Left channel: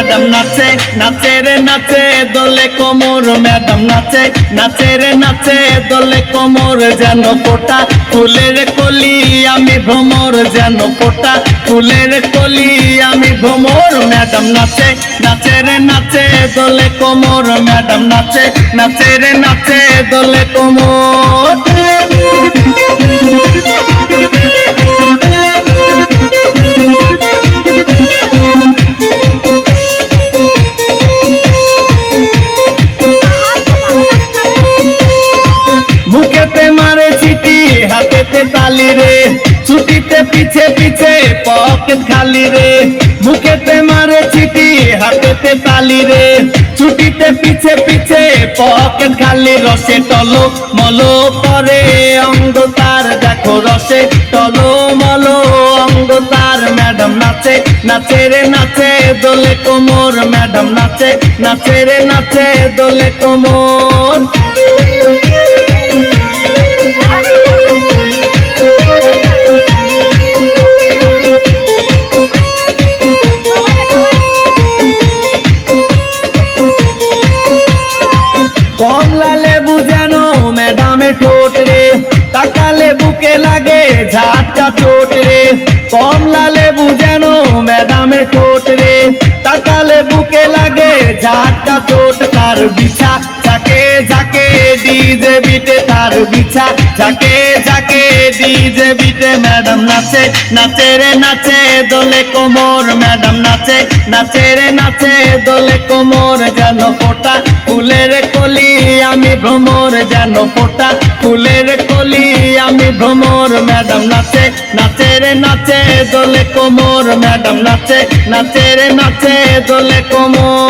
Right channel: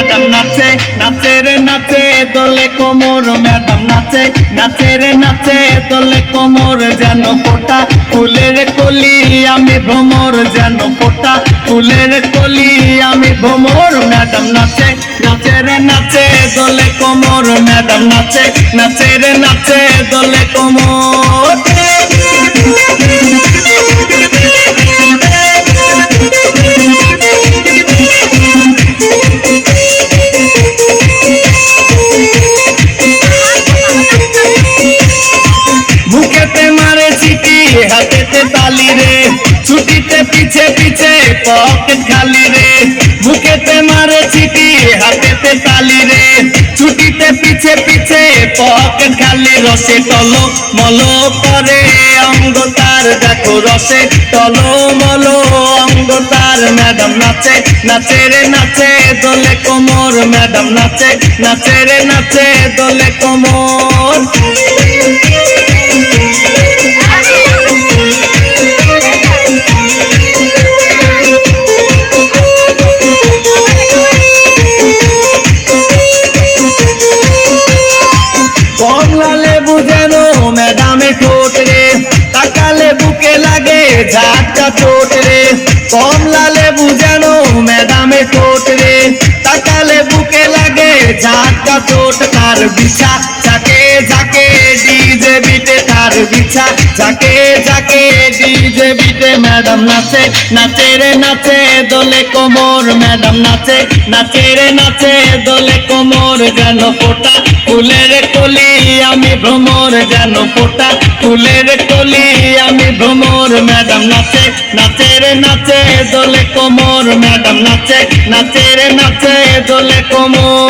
madam নাচে নাচে রে নাচে দোলে কোমর ম্যাডাম নাচে নাচে রে নাচে দোলে কোমর যেন ফোটা ফুলের কলি আমি ভ্রমর যেন ফোটা ফুলের কলি আমি ভ্রমর ম্যাডাম নাচে নাচে রে নাচে দোলে কোমর ম্যাডাম নাচে নাচে রে নাচে দোলে কোমর মুখেতে মারে চিঠি হাতেতে তালি রে ছুটিতে পিছে পিছে পকেট খালি রে মুখেতে মারে চিঠি হাতেতে তালি রে ছুটিতে পিছে পিছে পকেট খালি রসে টলো মলো করে অঙ্গ তার দেখো রসে টলো মলো অঙ্গ তার ম্যাডাম নাচে নাচে রে নাচে দোলে কোমর ম্যাডাম নাচে নাচে রে নাচে দোলে কোমর কমলা লেবু যেন ম্যাডামে ঠোঁট রে তাকালে বুকে লাগে ঝাটকা চোট রে কমলা লেবু যেন ম্যাডামে ঠোঁট রে তাকালে বুকে লাগে ঝাটকা চোট তার বিছা যাকে যাকে ডিজে বিটে তার বিছা যাকে যাকে ডিজে বিটে ম্যাডাম নাচে নাচে রে নাচে দোলে কোমর ম্যাডাম নাচে নাচে রে নাচে দোলে কোমর যেন ফোটা ফুলের কলি আমি ভ্রমর যেন ফোটা ফুলের কলি আমি ভ্রমর ম্যাডাম নাচে নাচে রে নাচে দোলে কোমর ম্যাডাম নাচে নাচে রে নাচে দোলে কোমর